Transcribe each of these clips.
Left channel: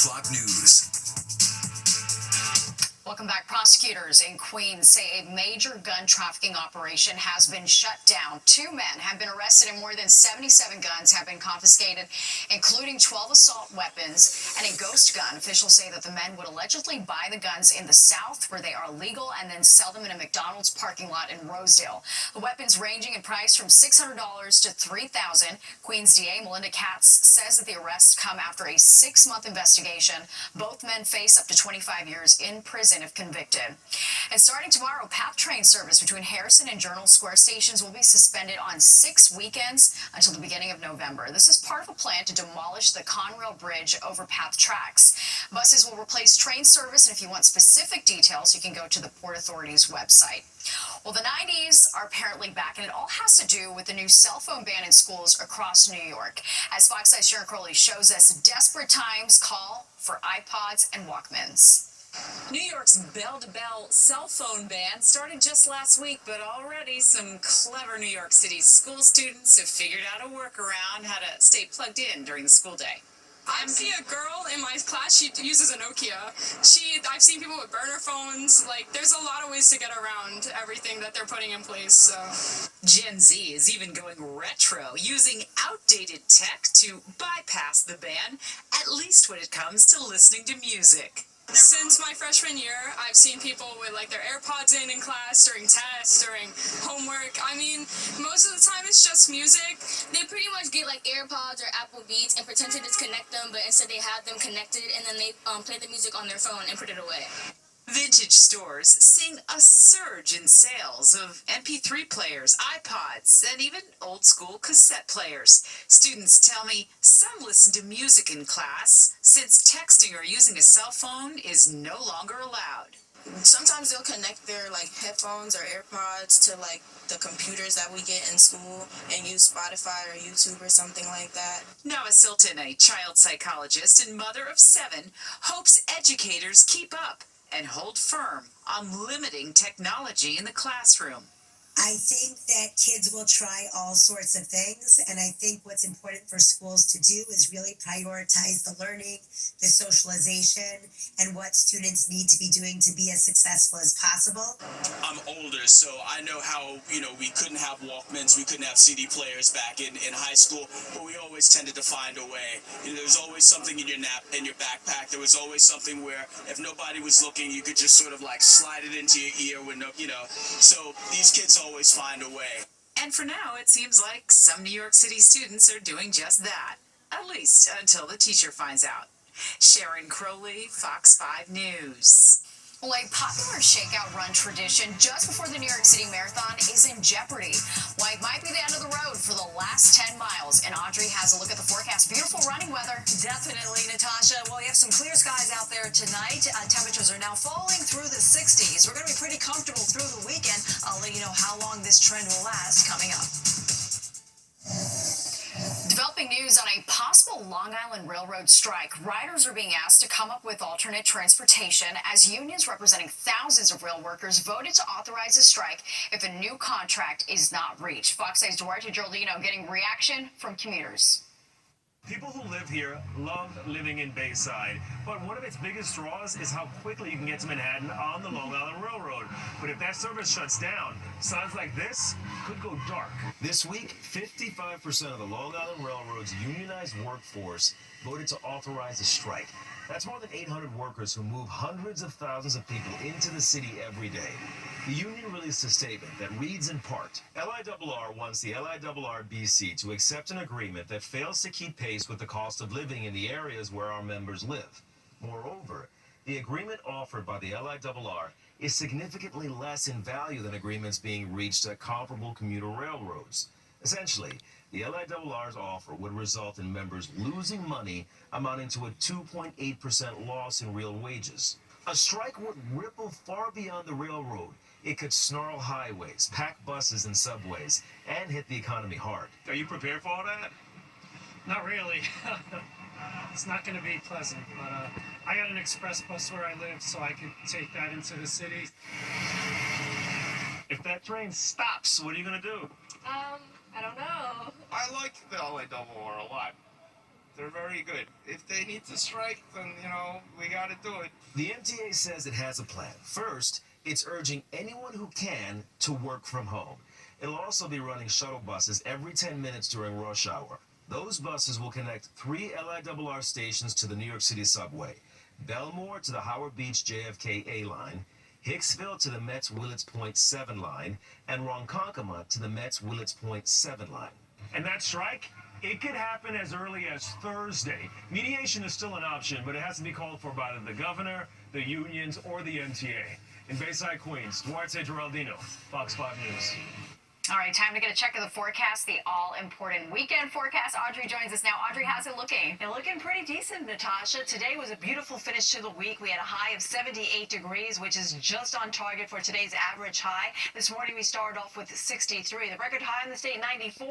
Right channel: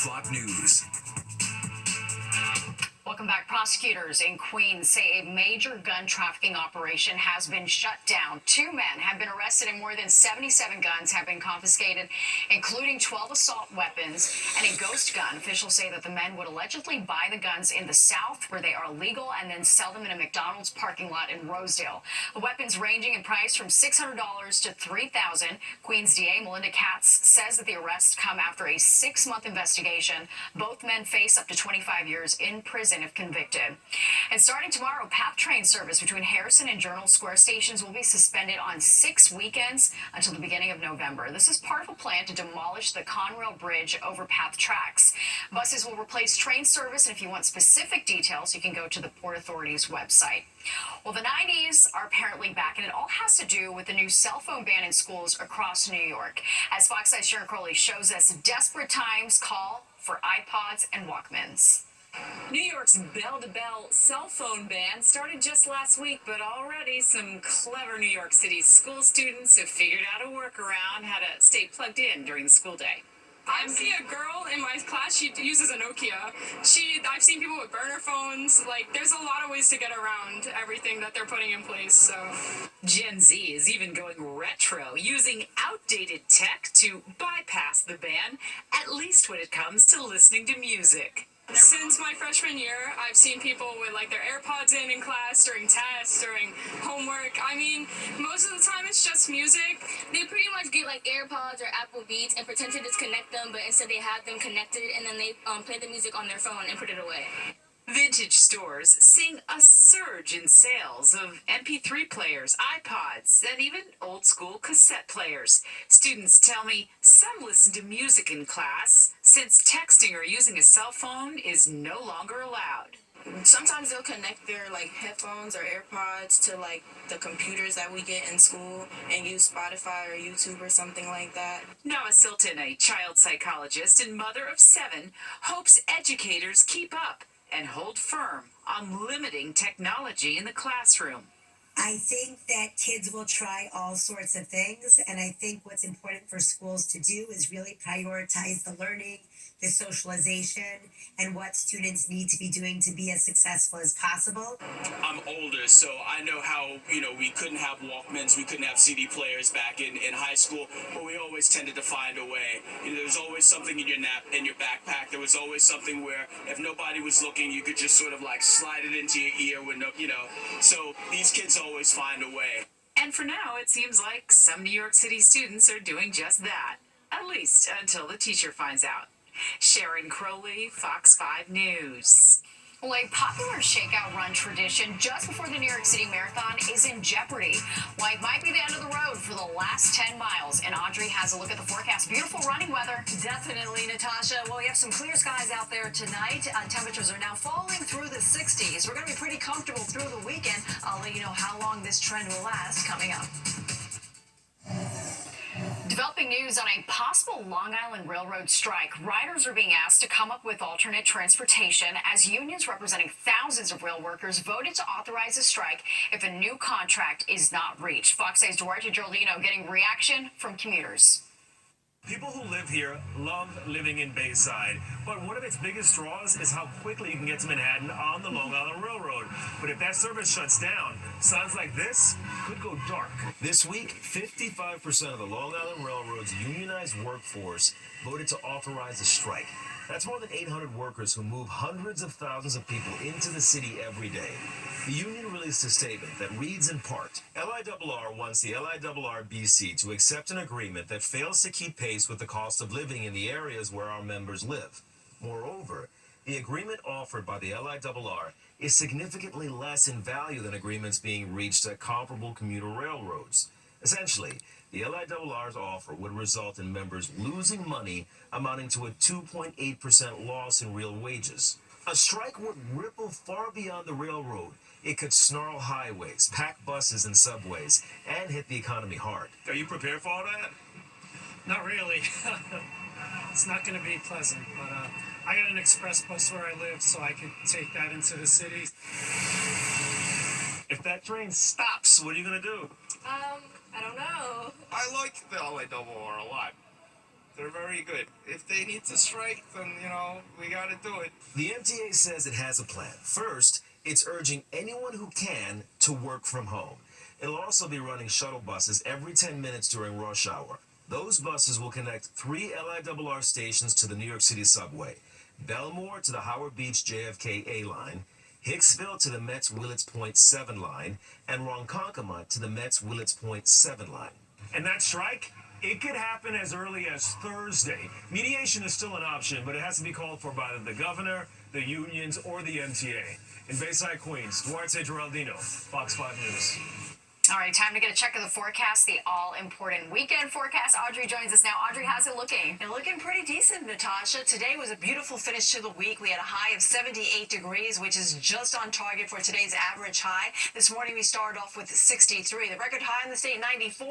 o'clock news. Welcome back. Prosecutors in Queens say a major gun trafficking operation has been shut down. 2 men have been arrested and more than 77 guns have been confiscated, including 12 assault weapons and a ghost gun. Officials say that the men would allegedly buy the guns in the South, where they are legal, and then sell them in a McDonald's parking lot in Rosedale. The weapons ranging in price from $600 to $3,000. Queens DA Melinda Katz says that the arrests come after a 6-month investigation. Both men face up to 25 years in prison if convicted. And starting tomorrow, PATH train service between Harrison and Journal Square stations will be suspended on 6 weekends until the beginning of November. This is part of a plan to demolish the Conrail Bridge over PATH tracks. Buses will replace train service, and if you want specific details, you can go to the Port Authority's website. Well, the 90s are apparently back, and it all has to do with the new cell phone ban in schools across New York. As Fox 5's Sharon Crowley shows us, desperate times call for iPods and Walkmans. New York's bell-to-bell cell phone ban started just last week, but already some clever New York City school students have figured out a workaround how to stay plugged in during the school day. I see a girl in my class, she uses a Nokia. I've seen people with burner phones. Like, there's a lot of ways to get around everything that they're putting in place, so. Gen Z is even going retro, using outdated tech to bypass the ban, at least when it comes to listening to music. Since my freshman year, I've seen people with like their AirPods in class, during tests, during homework. I mean, most of the time it's just music. They pretty much get like AirPods or Apple Beats and pretend to disconnect them, but instead they have them connected, and then they play the music on their phone and put it away. Vintage stores seeing a surge in sales of MP3 players, iPods, and even old-school cassette players. Students tell me some listen to music in class since texting or using a cell phone is no longer allowed. Sometimes they'll connect their like headphones or AirPods to like the computers that we get in school and use Spotify or YouTube or something like that. Noah Silton, a child psychologist and mother of 7, hopes educators keep up and hold firm on limiting technology in the classroom. I think that kids will try all sorts of things, and I think what's important for schools to do is really prioritize the learning, the socialization, and what students need to be doing to be as successful as possible. I'm older, so I know how, we couldn't have Walkmans, we couldn't have CD players back in high school, but we always tended to find a way. There was always something in your backpack. There was always something where if nobody was looking, you could just sort of like slide it into your ear with so these kids always find a way. And for now, it seems like some New York City students are doing just that, at least until the teacher finds out. Sharon Crowley, Fox 5 News. Well, a popular shakeout run tradition just before the New York City Marathon is in jeopardy. Well, it might be the end of the road for the last 10 miles. And Audrey has a look at the forecast. Beautiful running weather. Definitely, Natasha. Well, we have some clear skies out there tonight. Temperatures are now falling through the 60s. We're going to be pretty comfortable through the weekend. I'll let you know how long this trend will last coming up. Developing news on a possible Long Island Railroad strike. Riders are being asked to come up with alternate transportation as unions representing thousands of rail workers voted to authorize a strike if a new contract is not reached. Fox 8's Duarte Geraldino getting reaction from commuters. People who live here love living in Bayside, but one of its biggest draws is how quickly you can get to Manhattan on the Long Island Railroad. But if that service shuts down, signs like this could go dark. This week, 55% of the Long Island Railroad's unionized workforce voted to authorize a strike. That's more than 800 workers who move hundreds of thousands of people into the city every day. The union released a statement that reads in part, LIRR wants the LIRR-BC to accept an agreement that fails to keep pace with the cost of living in the areas where our members live. Moreover, the agreement offered by the LIRR is significantly less in value than agreements being reached at comparable commuter railroads. Essentially, the LIRR's offer would result in members losing money amounting to a 2.8% loss in real wages. A strike would ripple far beyond the railroad. It could snarl highways, pack buses and subways, and hit the economy hard. Are you prepared for all that? Not really. It's not going to be pleasant, but I got an express bus where I live, so I could take that into the city. If that train stops, what are you going to do? I don't know. I like the LIRR a lot. They're very good. If they need to strike, then, we got to do it. The MTA says it has a plan. First, it's urging anyone who can to work from home. It'll also be running shuttle buses every 10 minutes during rush hour. Those buses will connect 3 LIRR stations to the New York City subway: Belmore to the Howard Beach JFK A line, Hicksville to the Mets Willets Point 7 line, and Ronkonkoma to the Mets Willets Point 7 line. And that strike, it could happen as early as Thursday. Mediation is still an option, but it has to be called for by the governor, the unions, or the MTA. In Bayside, Queens, Duarte Geraldino, Fox 5 News. All right, time to get a check of the forecast, the all-important weekend forecast. Audrey joins us now. Audrey, how's it looking? They're looking pretty decent, Natasha. Today was a beautiful finish to the week. We had a high of 78 degrees, which is just on target for today's average high. This morning we started off with 63. The record high in the state, 94,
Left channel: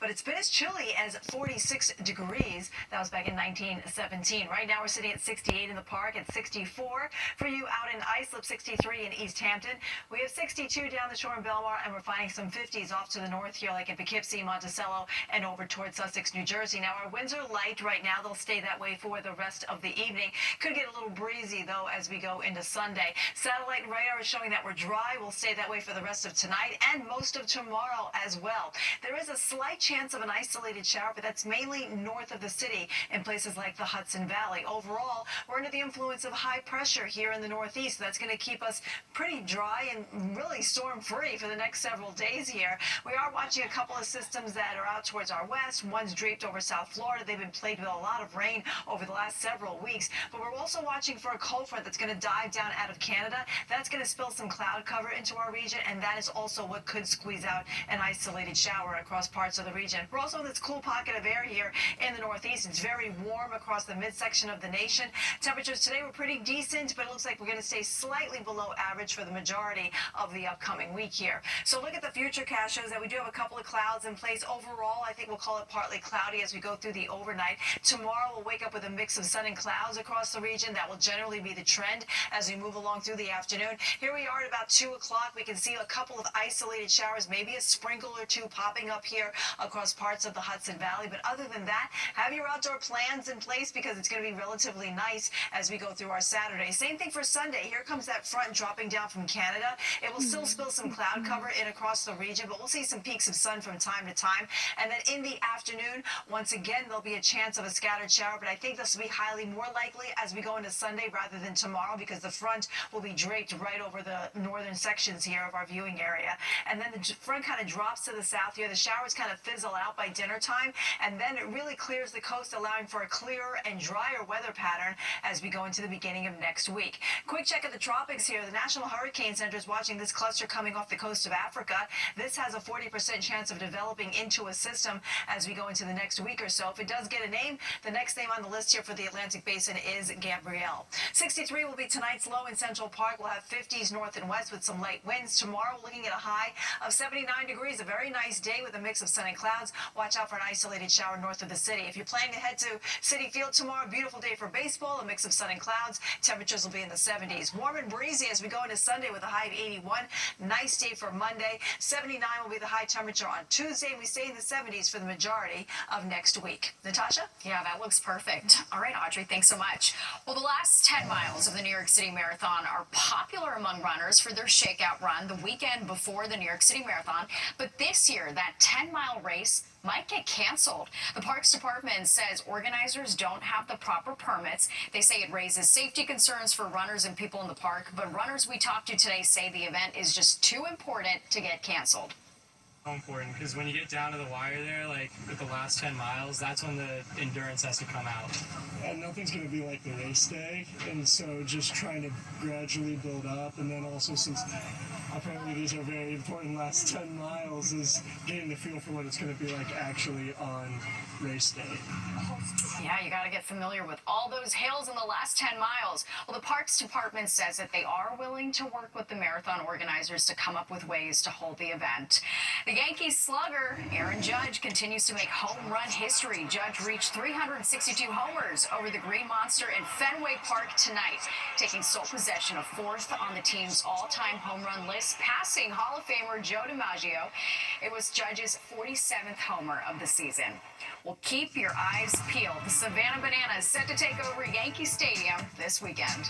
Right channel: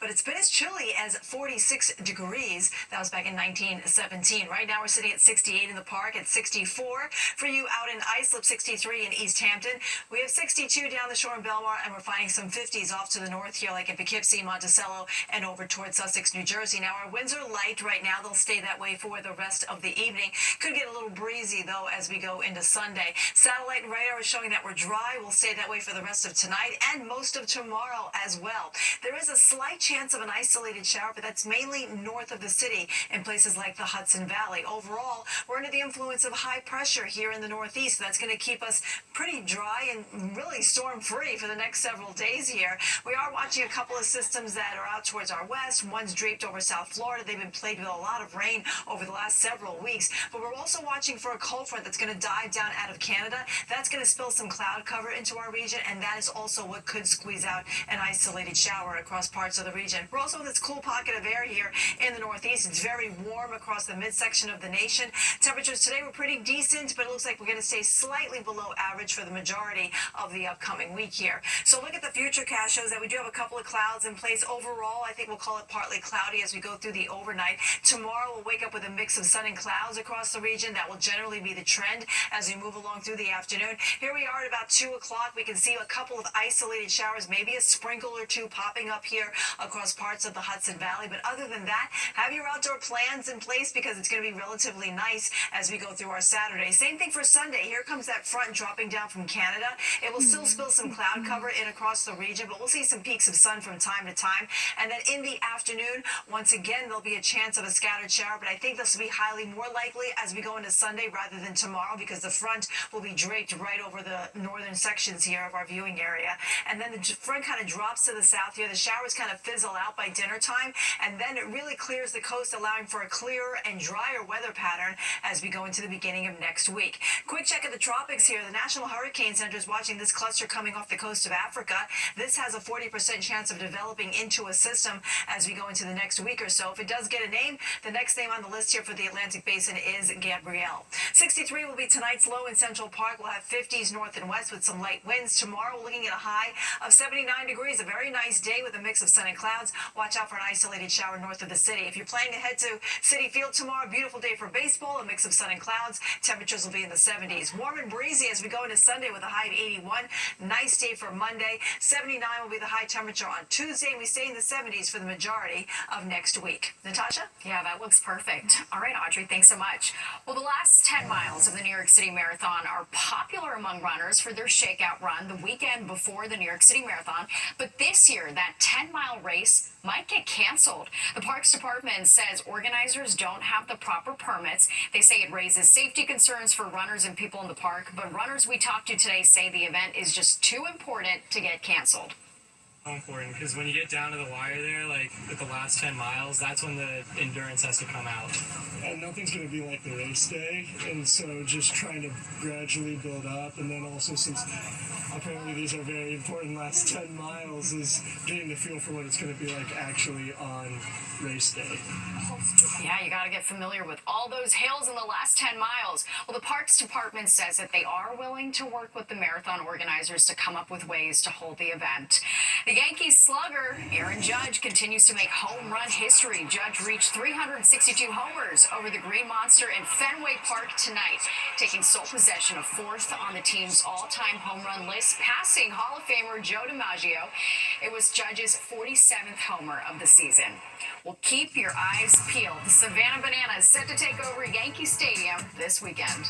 but it's been as chilly as 46 degrees. That was back in 1917. Right now we're sitting at 68 in the park, at 64 for you out in Islip, 63 in East Hampton. We have 62 down the shore in Belmar, and we're finding some 50s off to the north here, like in Poughkeepsie, Monticello, and over towards Sussex, New Jersey. Now, our winds are light right now. They'll stay that way for the rest of the evening. Could get a little breezy, though, as we go into Sunday. Satellite and radar is showing that we're dry. We'll stay that way for the rest of tonight and most of tomorrow as well. There is a slight chance of an isolated shower, but that's mainly north of the city in places like the Hudson Valley. Overall, we're under the influence of high pressure here in the northeast. So that's going to keep us pretty dry and really storm-free for the next several days here. We are watching a couple of systems that are out towards our west. One's draped over South Florida. They've been plagued with a lot of rain over the last several weeks. But we're also watching for a cold front that's going to dive down out of Canada. That's going to spill some cloud cover into our region, and that is also what could squeeze out an isolated shower across parts of the region. We're also in this cool pocket of air here in the northeast. It's very warm across the midsection of the nation. Temperatures today were pretty decent, but it looks like we're going to stay slightly below average for the majority of the upcoming week here. So look at the future cast shows that we do have a couple of clouds in place. Overall, I think we'll call it partly cloudy as we go through the overnight. Tomorrow, we'll wake up with a mix of sun and clouds across the region. That will generally be the trend as we move along through the afternoon. Here we are at about 2 o'clock. We can see a couple of isolated showers, maybe a sprinkle or two popping up here across parts of the Hudson Valley. But other than that, have your outdoor plans in place because it's going to be relatively nice as we go through our Saturday. Same thing for Sunday. Here comes that front dropping down from Canada. It will still spill some cloud cover in across the region, but we'll see some peaks of sun from time to time. And then in the afternoon, once again, there'll be a chance of a scattered shower, but I think this will be highly more likely as we go into Sunday rather than tomorrow because the front will be draped right over the northern sections here of our viewing area. And then the front kind of drops to the south here. The showers kind of fizzle out by dinner time, and then it really clears the coast, allowing for a clearer and drier weather pattern as we go into the beginning of next week. Quick check of the tropics here. The National Hurricane Center is watching this cluster coming off the coast of Africa. This has a 40% chance of developing into a system as we go into the next week or so. If it does get a name, the next name on the list here for the Atlantic Basin is Gabrielle. 63 will be tonight's low in Central Park. We'll have 50s north and west with some light winds. Tomorrow, we're looking at a high of 79 degrees. A very nice day with a mix of sun and clouds. Watch out for an isolated shower north of the city. If you're planning to head to Citi Field tomorrow, beautiful day for baseball, a mix of sun and clouds. Temperatures will be in the 70s. Warm and breezy as we go into Sunday with a high of 81. Nice day for Monday. 79 will be the high temperature on Tuesday. We stay in the 70s for the majority of next week. Natasha? Yeah, that looks perfect. All right, Audrey, thanks so much. Well, the last 10 miles of the New York City Marathon are popular among runners for their shakeout run the weekend before the New York City Marathon. But this year, that 10-mile race might get canceled. The Parks Department says organizers don't have the proper permits. They say it raises safety concerns for runners and people in the park, but runners we talked to today say the event is just too important to get canceled. Important because when you get down to the wire there, like with the last 10 miles, that's when the endurance has to come out. And nothing's going to be like the race day, and so just trying to gradually build up, and then also since apparently these are very important last 10 miles, is getting the feel for what it's going to be like actually on race day. Yeah, you got to get familiar with all those hills in the last 10 miles. Well, the Parks Department says that they are willing to work with the marathon organizers to come up with ways to hold the event. The Yankees slugger, Aaron Judge, continues to make home run history. Judge reached 362 homers over the Green Monster in Fenway Park tonight, taking sole possession of fourth on the team's all-time home run list, passing Hall of Famer Joe DiMaggio. It was Judge's 47th homer of the season. Well, keep your eyes peeled. The Savannah Bananas set to take over Yankee Stadium this weekend.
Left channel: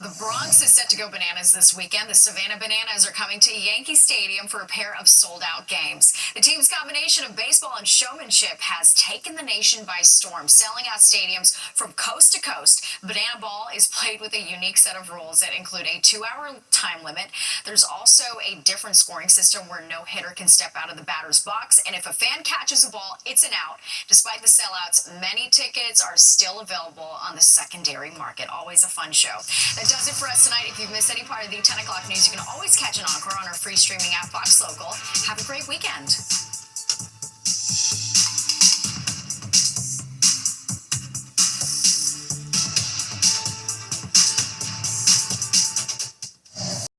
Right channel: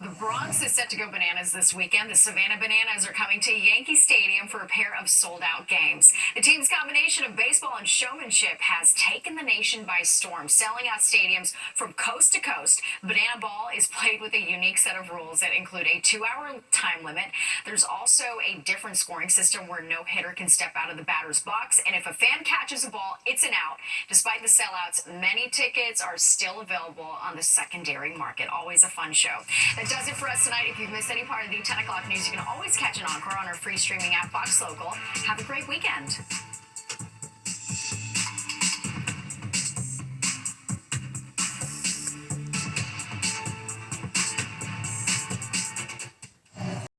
The Bronx is set to go bananas this weekend. The Savannah Bananas are coming to Yankee Stadium for a pair of sold-out games. The team's combination of baseball and showmanship has taken the nation by storm, selling out stadiums from coast to coast. Banana ball is played with a unique set of rules that include a 2-hour time limit. There's also a different scoring system where no hitter can step out of the batter's box, and if a fan catches a ball, it's an out. Despite the sellouts, many tickets are still available on the secondary market. Always a fun show. That does it for us tonight. If you've missed any part of the 10 o'clock news, you can always catch an encore on our free streaming app, Fox Local. Have a great weekend.